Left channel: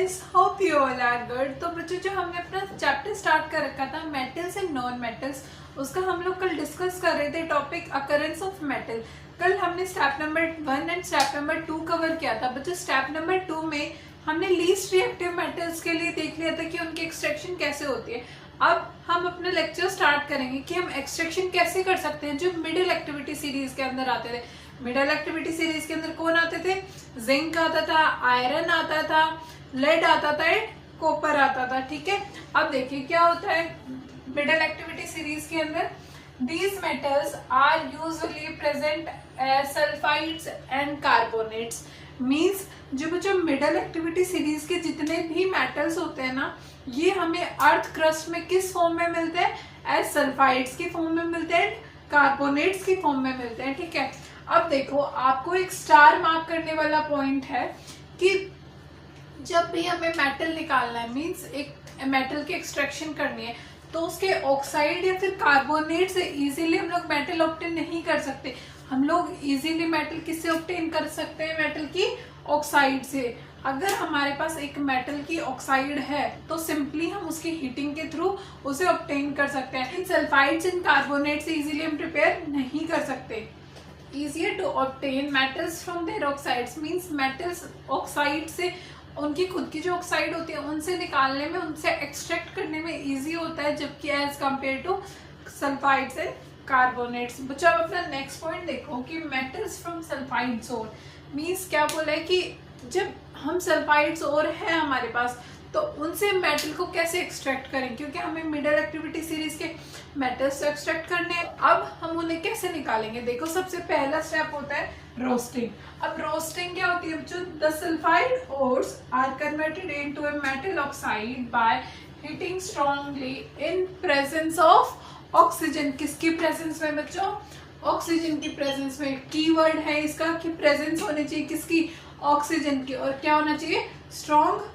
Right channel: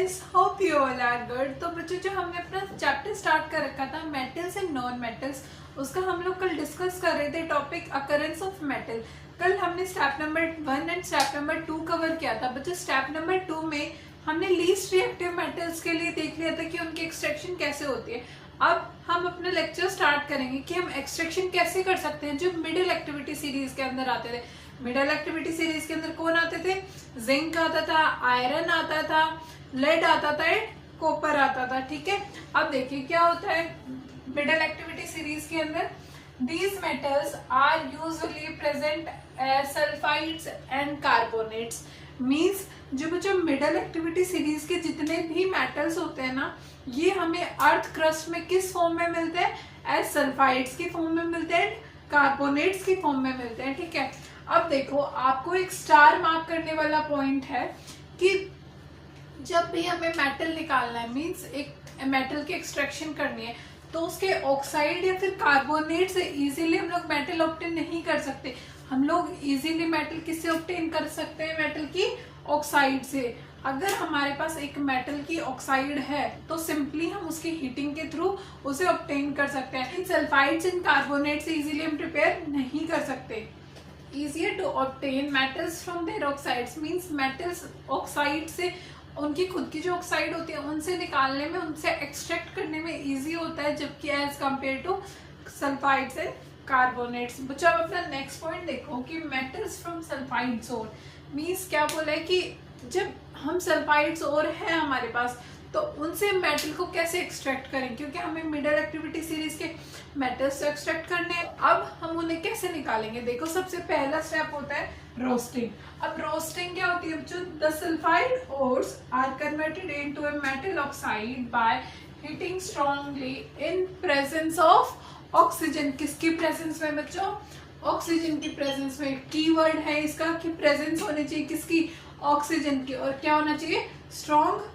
Guys, hope you all are good. तो बच्चों, जो हमने अपना चैप्टर स्टार्ट कर रखा था मेटल्स एंड नॉन मेटल्स, उसका हम लोग कल डिस्कस कर रहे थे टॉपिक अकरेंस ऑफ मेटल। कल हमने step number 1 and step number 2 cover किया था। बच्चों, स्टेप नंबर 2 में हमने लीस्ट रिएक्टिव मेटल्स के लिए देख लिया था कि उनकी एक्सट्रैक्शन कैसे होती है। अब हम अपना लेक्चर स्टार्ट करेंगे कि हम एक्सट्रैक्शन कैसे कर सकते हैं जो मिडिल एक्टिविटी सीरीज के अंदर आते थे। मिडिल एक्टिविटी सीरीज के अंदर कौन आते थे? जिंक आता था, आयरन आता था, लेड आता था, कॉपर आता था। ठीक है, अब देखिए क्या होता है मिडिल एक्टिविटी सीरीज के अंदर। These metals are usually present as sulfides and carbonates. Means जो बच्चों मिडल एक्टिविटी सीरीज के जितने भी मेटल्स होते हैं ना, ये हमें अर्थ क्रस्ट में किस फॉर्म में मिलते हैं? एज सल्फाइड्स की फॉर्म में मिलते हैं, कार्बोनेट्स की फॉर्म में मिलते हैं। ठीक है, अब देखो आपको एक स्टार मार्क करने वाला पॉइंट है कि जब भी हमें मेटल निकालना है, मींस एक मेटल की एक्सट्रैक्शन करनी है, तो उसके ऑक्साइड या फिर कार्बोनेट से इजीली हम लोग मेटल ऑब्टेन नहीं कर सकते। हम लोग इजीली मेटल किससे ऑब्टेन कर सकते हैं? मेटल की ऑक्साइड से। अगर हमारे पास एक मेटल की ऑक्साइड है तो सिंपली हम उसकी हीटिंग के थ्रू उसे ऑब्टेन कर सकते हैं। इन सल्फाइड्स एंड कार्बोनेट से इजीली हम प्रिपेयर नहीं कर सकते। Easier to obtain metals from their oxides means metals oxide से, उनकी खुद की जो ऑक्साइड होती है उनसे निकालने में, उनसे एक्सट्रैक्ट करने में इजी होता है, जबकि as compare to sulphides and carbonates. बच्चों, अब अपना नेक्स्ट पॉइंट देखो कि metals from sulphides ore means क्या बोला है कि जब हम सल्फाइड्स और है हमारे पास, तो उनसे मेटल को कैसे एक्सट्रैक्ट करें, क्योंकि हमें मिडिल एक्टिविटी सीरीज के मेटल्स से एक्सट्रैक्ट करने हैं। अब हम उन्हें कैसे निकालेंगे? देखो, सबसे पहला स्टेप होता है रोस्टिंग। अब रोस्टिंग क्या होती है? जो the sulphide ores are converted into a metal oxide by heating strongly in presence of oxygen. किसकी प्रेजेंस में बच्चों? ऑक्सीजन की प्रेजेंस में। कीवर्ड है इसका कि प्रेजेंस होनी चाहिए किसकी? ऑक्सीजन की। और क्या होना चाहिए? स्ट्रॉन्ग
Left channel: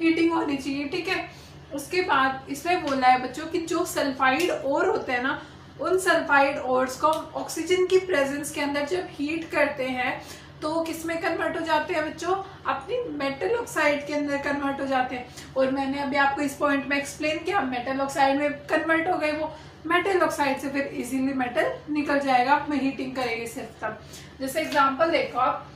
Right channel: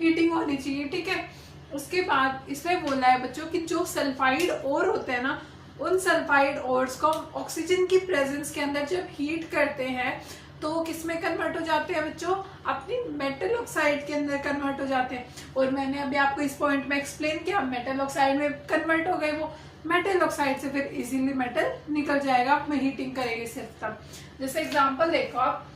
हीटिंग होनी चाहिए। ठीक है, उसके बाद इसमें बोला है बच्चों कि जो सल्फाइड ओर होते हैं ना, उन सल्फाइड ओर्स को ऑक्सीजन की प्रेजेंस के अंदर जब हीट करते हैं तो किस में कन्वर्ट हो जाते हैं बच्चों? अपनी मेटल ऑक्साइड के अंदर कन्वर्ट हो जाते हैं। और मैंने अभी आपको इस पॉइंट में एक्सप्लेन किया, मेटल ऑक्साइड में कन्वर्ट हो गए वो। मेटल ऑक्साइड से फिर इजीली मेटल निकल जाएगा, आप में हीटिंग करेंगे सिर्फ तब। जैसे एग्जाम्पल देखो आप,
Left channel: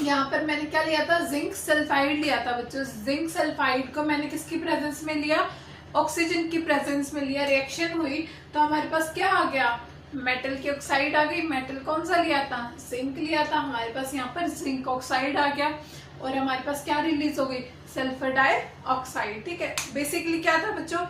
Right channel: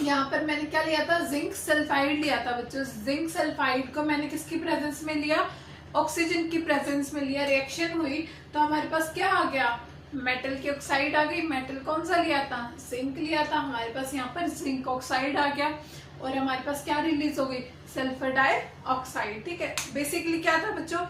यहाँ पर मैंने क्या लिया था? जिंक सल्फाइड लिया था बच्चों। जिंक सल्फाइड को मैंने किसकी प्रेजेंस में लिया? ऑक्सीजन की प्रेजेंस में लिया। रिएक्शन हुई तो हमारे पास क्या आ गया? मेटल की ऑक्साइड आ गई। मेटल कौन सा लिया था? जिंक लिया था। हमारे पास यहाँ पर जिंक ऑक्साइड आ गया और हमारे पास क्या रिलीज हो गई? Sulphur dioxide. ठीक है, बेसिकली क्या था बच्चों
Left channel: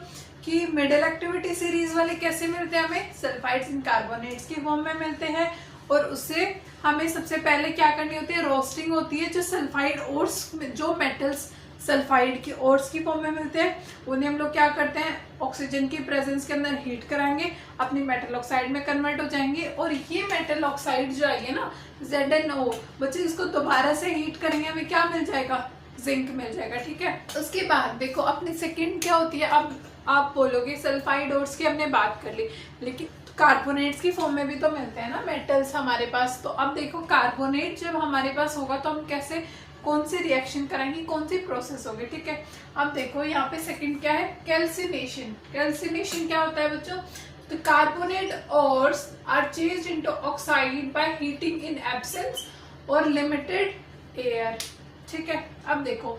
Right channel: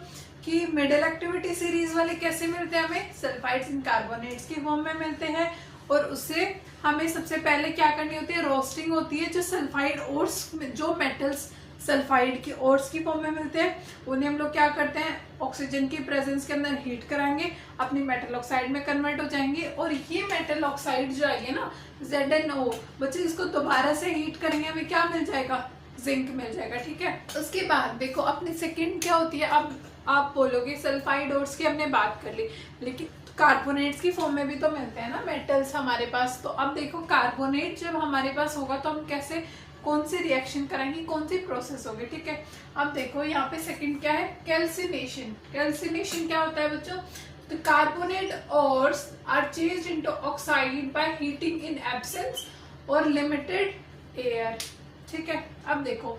कि मिडिल एक्टिविटी सीरीज वाले कैसे मिलते हैं? हमें सल्फाइड्स एंड कार्बोनेट्स की फॉर्म में मिलते हैं। और उससे हमें सबसे पहले क्या करनी होती है? रोस्टिंग होती है। जो सल्फाइड ओर्स, जो मेटल्स सल्फाइड की ओर्स की फॉर्म में मिलते हैं, उन्हें हम लोग क्या करते हैं? ऑक्सीजन की प्रेजेंस के अंदर हीट कराएंगे, अपनी मेटल ऑक्साइड में कन्वर्ट हो जाएंगे। और ये मेटल ऑक्साइड जो आएगी ना, ZnO, बच्चे इसको दोबारा से हीट करेंगे, हमें क्या मिल जाएगा? जिंक मिल जाएगा। ठीक है, उसके बाद देखो अपनी सेकेंड क्या होती है। अब आप बोलोगे सल्फाइड ओर्स की हमने बात कर ली, लेकिन कार्बोनेट्स की फॉर्म में भी तो मिलते हैं ना मेटल्स हमारे पास। तो अब देखो कार्बोनेट जब हमारे पास होगा तो हम कैसे, कौन सी रिएक्शन कराएंगे, कौन सी प्रोसेस होगी? ठीक है, अब देखो यहाँ पे सेकंड क्या है? कैल्सिनेशन। कैल्सिनेशन क्या होता है बच्चों? तो carbonate ores are changed into oxide by heating in absence or limited air. ठीक है, अब देखो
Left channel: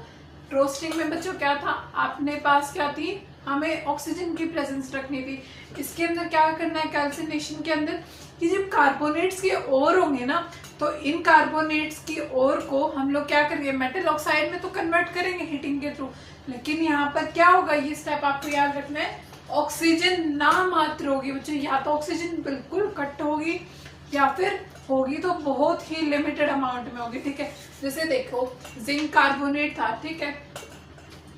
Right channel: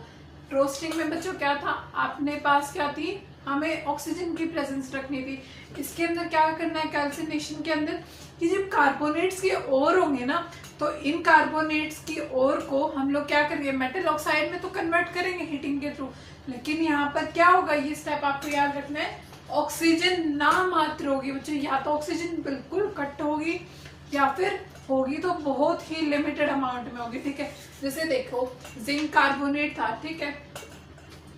रोस्टिंग में बच्चों क्या था? अपने पास क्या थी? हमें ऑक्सीजन की प्रेजेंस रखनी थी। इसके अंदर क्या करना है कैल्सिनेशन के अंदर कि जब कार्बोनेट्स के ओर होंगे ना, तो इन कार्बोनेट्स की ओर को हम लोग क्या करेंगे? मेटल ऑक्साइड में तो कन्वर्ट करेंगे हीटिंग के थ्रू, लेकिन यहाँ पर क्या होगा? ये स्टेप आपको याद रखना है, ऑक्सीजन ना मात्र होगी बच्चों। या तो ऑक्सीजन बिल्कुल कट होगी या फिर होगी तो बहुत ही लिमिटेड अमाउंट में होगी। ठीक है, जैसे देखो जिंक कार्बोनेट था। ठीक है,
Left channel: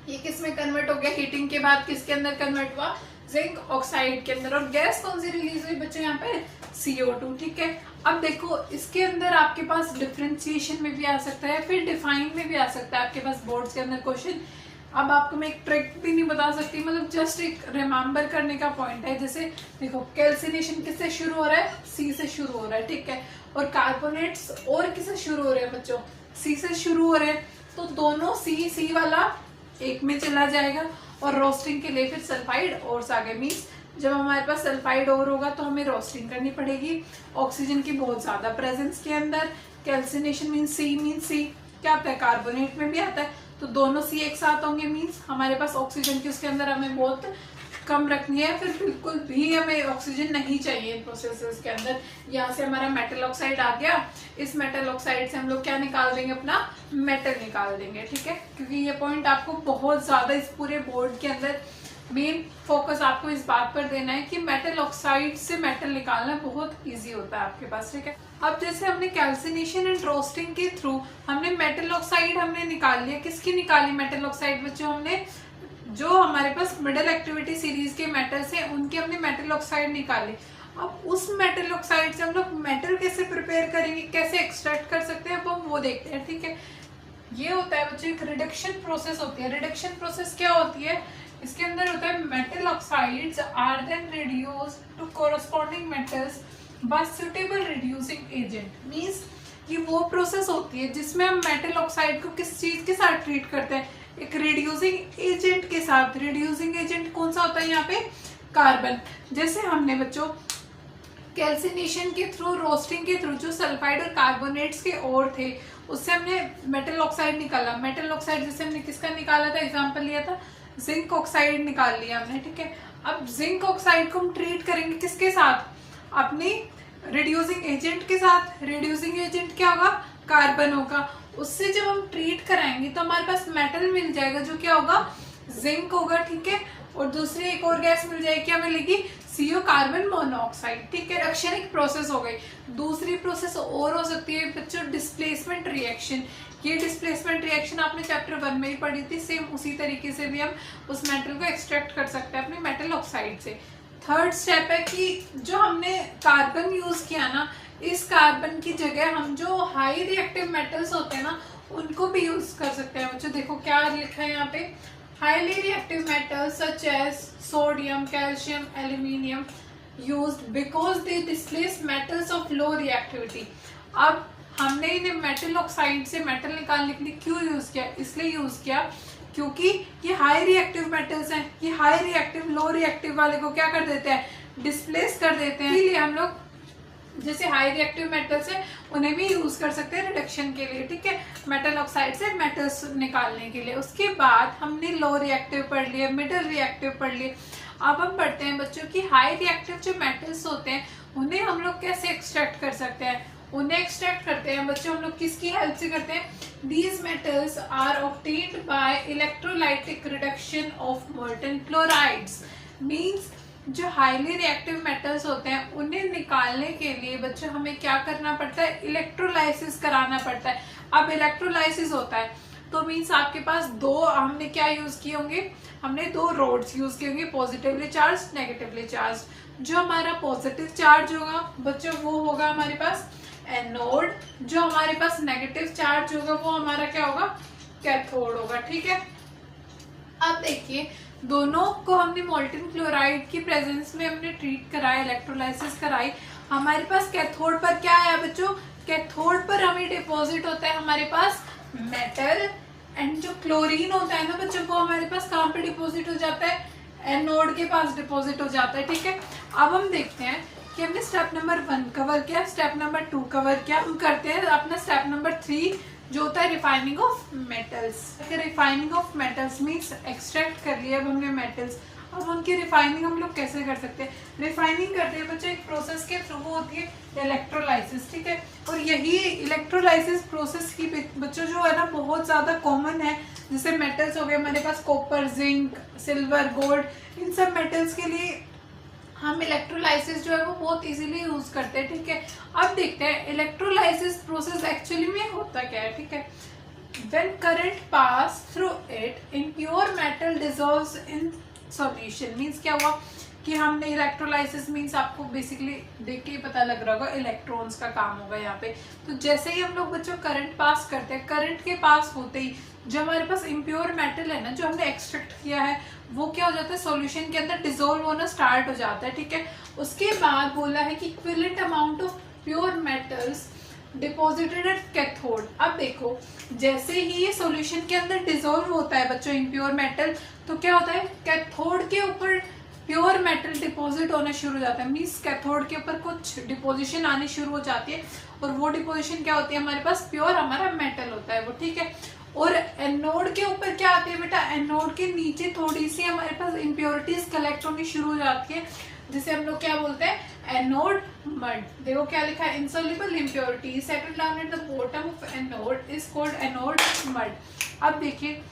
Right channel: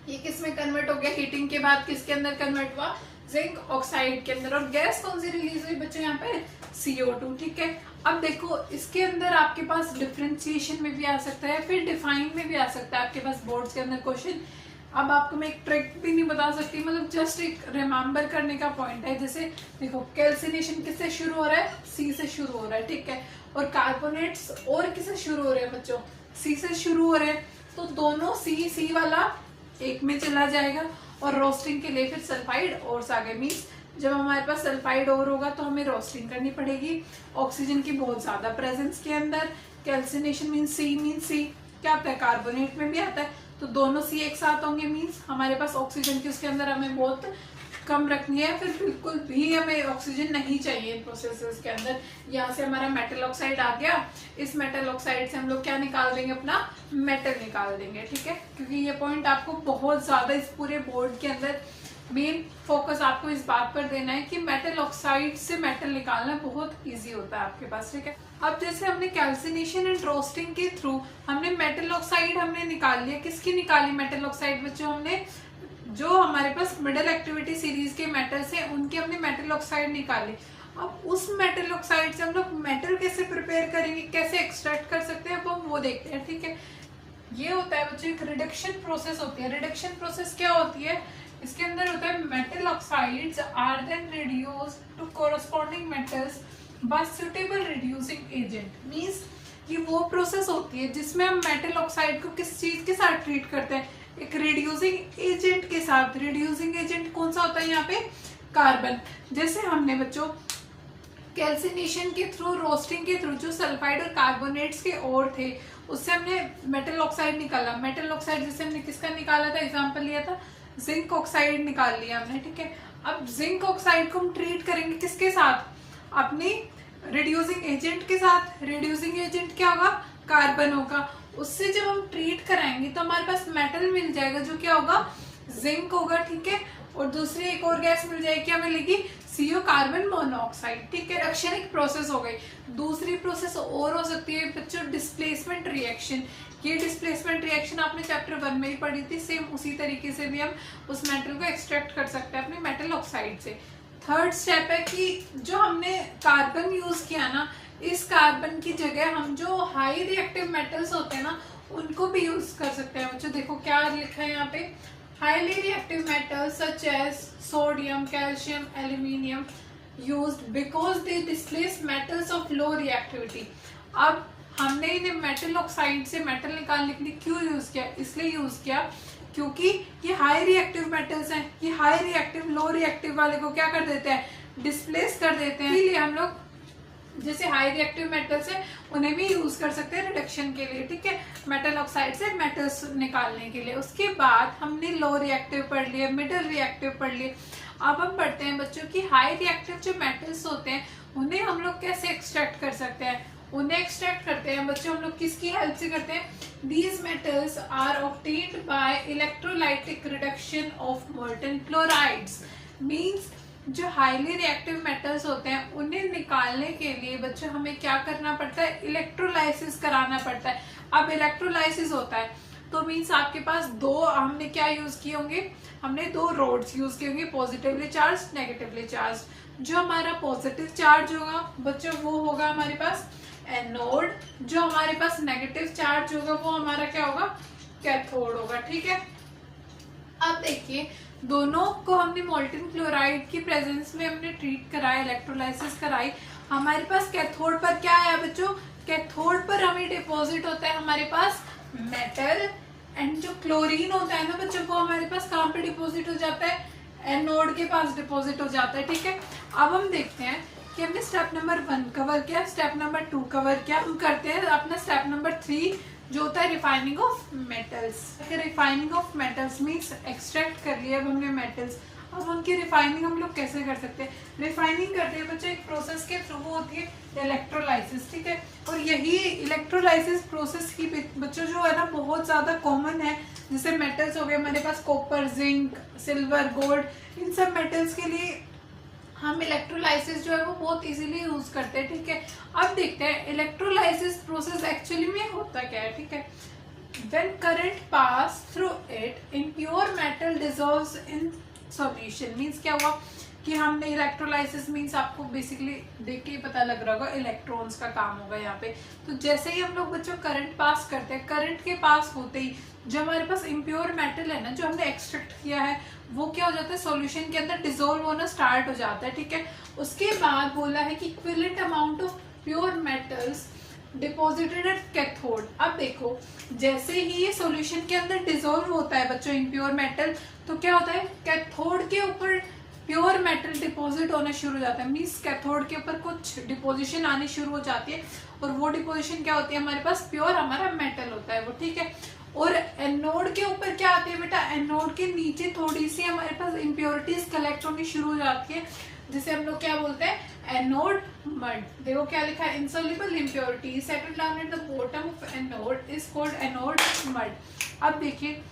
ये किस में कन्वर्ट हो गया? हीटिंग के बाद किसके अंदर कन्वर्ट हुआ? जिंक ऑक्साइड के अंदर। और गैस कौन सी रिलीज हुई बच्चों? यहाँ पे CO2। ठीक है, अब देखो इसके अंदर आपके पास डिफरेंशिएशन में भी आ सकता है, फिर डिफाइन में भी आ सकता है आपके पास बोर्ड्स के अंदर क्वेश्चन। अब आपको मैं एक ट्रिक भी नहीं बता सकती, मतलब जस्ट एक रिमेम्बर करने का पॉइंट है। जैसे देखो कैल्सिनेशन किससे शुरू हो रहा है? C से शुरू हो रहा है। ठीक है, और कार्बोनेट्स और किससे शुरू हो रहे हैं बच्चों? C से शुरू हो रहे हैं। तो दोनों सी वाला एक में चला जाएगा और रोस्टिंग के लिए फिर सल्फाइड और आ गए। मीन्स जब हमारे पास सल्फाइड और होगा तो हमें रोस्टिंग करनी पड़ेगी ऑक्सीजन की बहुत ज्यादा प्रेजेंस के अंदर। कैल्सिनेशन मीन्स सी क्या आता है, कार्बोनेट में भी आता है, तो दोनों सी एक साथ होंगे। मीन्स हमारे पास ऑक्सीजन की उसके अंदर हमें बहुत कम रखनी है, फिर बिल्कुल भी हमें ऑक्सीजन नहीं चाहिए प्रोसेसेस के अंदर। यहाँ से हमारा मेटल ऑक्साइड आ गया, इस मेटल ऑक्साइड से हम लोग क्या निकाल देंगे, अपना मेटल निकाल देंगे, ठीक है। क्योंकि ये पॉइंट आपको बहुत ज्यादा इस पूरे बोर्ड के अंदर मेन फोकस आपको इस बात पर देना है कि मेटल ऑक्साइड से मेटल निकालना बहुत इजी होता है आपके पास, ठीक है। अब जैसे हमने कैल्सिनेशन एंड रोस्टिंग के थ्रू हमने मेटल ऑक्साइड हमने निकाल लिया। किसकी निकाली मेटल ऑक्साइड बच्चों, हमने जो हमारे पास मिडल एक्टिविटी सीरीज के मेटल्स हैं उनके हमने मेटल ऑक्साइड निकाले। अब उस मेटल ऑक्साइड से हम लोग मेटल कैसे प्रिपेयर करेंगे, कैसे एक्सट्रैक्ट कर सकते हैं, अब हम वो देखते हैं, ठीक है। ये होता है बच्चों एक रिडक्शन प्रोसेस होती है। रिडक्शन प्रोसेस क्या होती है, इसके अंदर होता है metal oxides are then reduced to corresponding metals by suitable reducing agent. Means कि वो प्रोसेस होती है जिसमें हम मेटल ऑक्साइड को किस चीज के साथ ट्रीट करते हैं, एक रिड्यूसिंग एजेंट के साथ। रिड्यूसिंग एजेंट कौन सा होता है यहाँ पे, कार्बन। जैसे हमने बच्चों कैल्सिनेशन के थ्रू, रोस्टिंग के थ्रू जो सल्फाइड और कार्बोनेट्स के और थे उससे हमने मेटल ऑक्साइड निकाला। मेटल ऑक्साइड जैसे हमने किसका निकाला था, एग्जांपल लिया था जिंक ऑक्साइड निकाल लिया हमने, ठीक है। अब जिंक ऑक्साइड को हम ट्रीट करेंगे किसके साथ, अपनी रिड्यूसिंग एजेंट के साथ। रिड्यूसिंग एजेंट क्या होगा, कार्बन होगा। उससे जब हम ट्रीट कराएंगे तो हमारे पास मेटल मिल जाएगा जो क्या होगा, जिंक होगा, ठीक है। और दूसरी एक और गैस मिल जाएगी, क्या मिलेगी, CO कार्बन मोनोऑक्साइड, ठीक है। रिएक्शन एक प्रोसेस हो गई। दूसरी प्रोसेस और हो सकती है बच्चों डिस्प्लेसमेंट रिएक्शन। ये डिस्प्लेसमेंट रिएक्शन आपने चैप्टर 1 में ही पढ़ी थी। सेम उसी तरीके से भी हम उस मेटल को एक्सट्रैक्ट कर सकते हैं अपने मेटल ऑक्साइड से। थर्ड स्टेप है कि जो हमने कार्बन यूज किया ना, इस कार्बन की जगह हम जो हाई रिएक्टिव मेटल्स होते हैं ना उनको भी यूज कर सकते हैं। बच्चों देखो क्या लिखा है यहाँ पे, highly reactive metals such as sodium, calcium, aluminium used because they displace metals of low reactivity. अब हमने इन्हें मेटल ऑक्साइड से मेटल निकालने के लिए क्यों यूज किया, इसलिए यूज किया क्योंकि ये हाई रिएक्टिव मेटल्स हैं। ये हाई रिएक्टिव लो रिएक्टिव वाले को क्या कर देते हैं, डिस्प्लेस कर देते हैं। इसलिए हम लोग जैसे हाई रिएक्टिव मेटल्स है उन्हें भी यूज कर सकते हैं रिडक्शन के लिए, ठीक है, मेटल ऑक्साइड से मेटल्स निकालने के लिए। उसके बाद हमने लो रिएक्टिव पढ़ लिया, मिडिल रिएक्टिव पढ़ लिए। अब हम पढ़ते हैं बच्चों की हाई रिएक्टिव जो मेटल्स होते हैं उन्हें हम लोग कैसे एक्सट्रैक्ट कर सकते हैं। उन्हें एक्सट्रैक्ट करते हैं बच्चों हम लोग किसकी हेल्प से करते हैं, these metals are obtained by electrolytic reduction of molten chlorides. Means जो हाईली रिएक्टिव मेटल्स होते हैं उन्हें निकालने के लिए बच्चों हमें क्या करना पड़ता है, इलेक्ट्रोलाइसिस कराना पड़ता है। अब इलेक्ट्रोलाइसिस होता है तो मींस आपके पास दो, हमने क्या यूज किए होंगे, हमने दो रोड्स यूज किए होंगे, पॉजिटिवली चार्ज, नेगेटिवली चार्ज। जो हमारा पॉजिटिव चार्ज होगा बच्चों वो होगा हमारे पास एनोड, जो हमारे पास नेगेटिव चार्ज होगा वो हमारा क्या होगा, कैथोड होगा, ठीक है। अब देखिए दोनों को हमने मोल्टन क्लोराइड की प्रेजेंस में हमने ट्रीट कराया, इलेक्ट्रोलाइसिस कराई। हमारे पास कैथोड पर क्या आया बच्चों, कैथोड पर हमें डिपॉजिट होता है हमारे पास मेटल, एंड जो क्लोरीन होता है ना बच्चों वो हमारे पास कहाँ पे डिपॉजिट हो जाता है, एनोड के पास डिपॉजिट हो जाता है, ठीक है। अब हम देखते हैं कि हमने स्टेप नंबर 1 कवर किया, स्टेप नंबर 2 कवर किया। हम करते हैं अपना स्टेप नंबर 3 जो होता है refining of metals. Refining of metals means extract कर लिया अब हमने मेटल्स। अब उनकी रिफाइनिंग हम लोग कैसे कर सकते हैं, रिफाइनिंग करते हैं बच्चों एक प्रोसेस के थ्रू, वो होती है इलेक्ट्रोलाइसिस, ठीक है। और यही इलेक्ट्रोलाइसिस प्रोसेस की बच्चों जो है ना बहुत ज्यादा कॉमन है। जैसे मेटल्स हो गए हमारे पास कॉपर, जिंक, सिल्वर, गोल्ड, इन सब मेटल्स के लिए हम इलेक्ट्रोलाइसिस जो है वो बहुत इजीली यूज करते हैं, ठीक है। अब देखते हैं इलेक्ट्रोलाइसिस प्रोसेस एक्चुअली में होता क्या है, ठीक है। When current pass through it, impure metal dissolves in solution। Means क्या हुआ कि हमने इलेक्ट्रोलाइसिस मीन्स आपको बेसिकली देख के ही पता लग रहा होगा इलेक्ट्रॉन्स का काम होगा यहाँ पे। तो जैसे ही हम लोग बच्चों करंट पास करते हैं, करंट के पास होते ही जो हमारे पास इम्प्योर मेटल है ना जो हमने एक्सट्रैक्ट किया है वो क्या हो जाता है, सॉल्यूशन के अंदर डिसॉल्व होना स्टार्ट हो जाता है, ठीक है। उसके बाद बोला है कि equivalent amount of pure metals deposited at cathode. अब देखो जैसे ही ये सॉल्यूशन के अंदर डिसॉल्व होता है बच्चों इम्प्योर मेटल, तो क्या होता है कैथोड के ऊपर प्योर मेटल डिपॉजिट होना शुरू हो जाता है। मीन्स कैथोड के ऊपर कुछ डिपोजिशन आनी शुरू हो जाती है और वो डिपोजिशन क्या होती है हमारे पास प्योर हमारा मेटल होता है वो, ठीक है। और एनोड के ऊपर क्या आती है बेटा, एनोड के नीचे थोड़ी सी हमारे पास इम्प्योरिटीज कलेक्ट होनी शुरू हो जाती है, जिसे हम लोग क्या बोलते हैं एनोड मड। देखो क्या लिखा है, insoluble impurity settle down at the bottom of anode is called anode mud. अब देखिए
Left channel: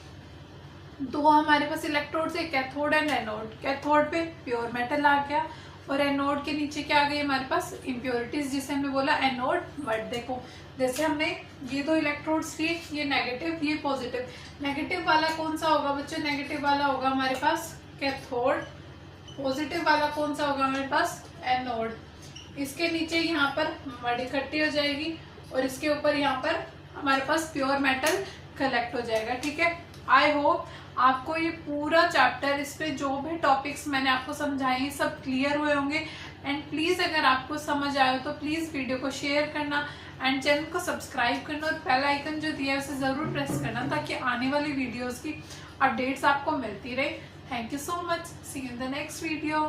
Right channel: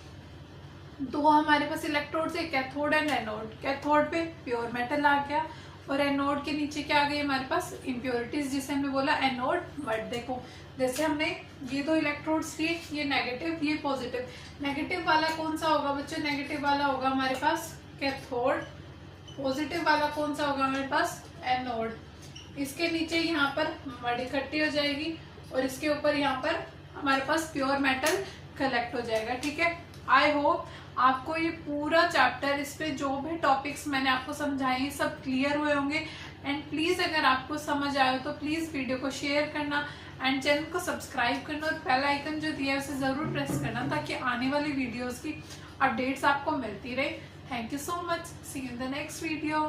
दो हमारे पास इलेक्ट्रोड है, कैथोड एंड एनोड। कैथोड पे प्योर मेटल आ गया और एनोड के नीचे क्या आ गई हमारे पास इम्प्योरिटीज, जिसे हमने बोला एनोड मड। देखो जैसे हमने ये दो इलेक्ट्रोड्स लिए, ये नेगेटिव ये पॉजिटिव, नेगेटिव वाला कौन सा होगा बच्चों, नेगेटिव वाला होगा हमारे पास कैथोड, पॉजिटिव वाला कौन सा होगा हमारे पास एनोड। इसके नीचे यहाँ पर मड इकट्ठी हो जाएगी और इसके ऊपर यहाँ पर हमारे पास प्योर मेटल कलेक्ट हो जाएगा, ठीक है। आई होप आपको ये पूरा चैप्टर, इस पे जो भी टॉपिक्स मैंने आपको समझाए सब क्लियर हुए होंगे। एंड प्लीज अगर आपको समझ आए तो प्लीज वीडियो को शेयर करना एंड चैनल को सब्सक्राइब करना और बेल आइकन जो दिया है उसे जरूर प्रेस करना ताकि आने वाली वीडियोस की अपडेट्स आपको मिलती रहे। Thank you so much, see you in the next video.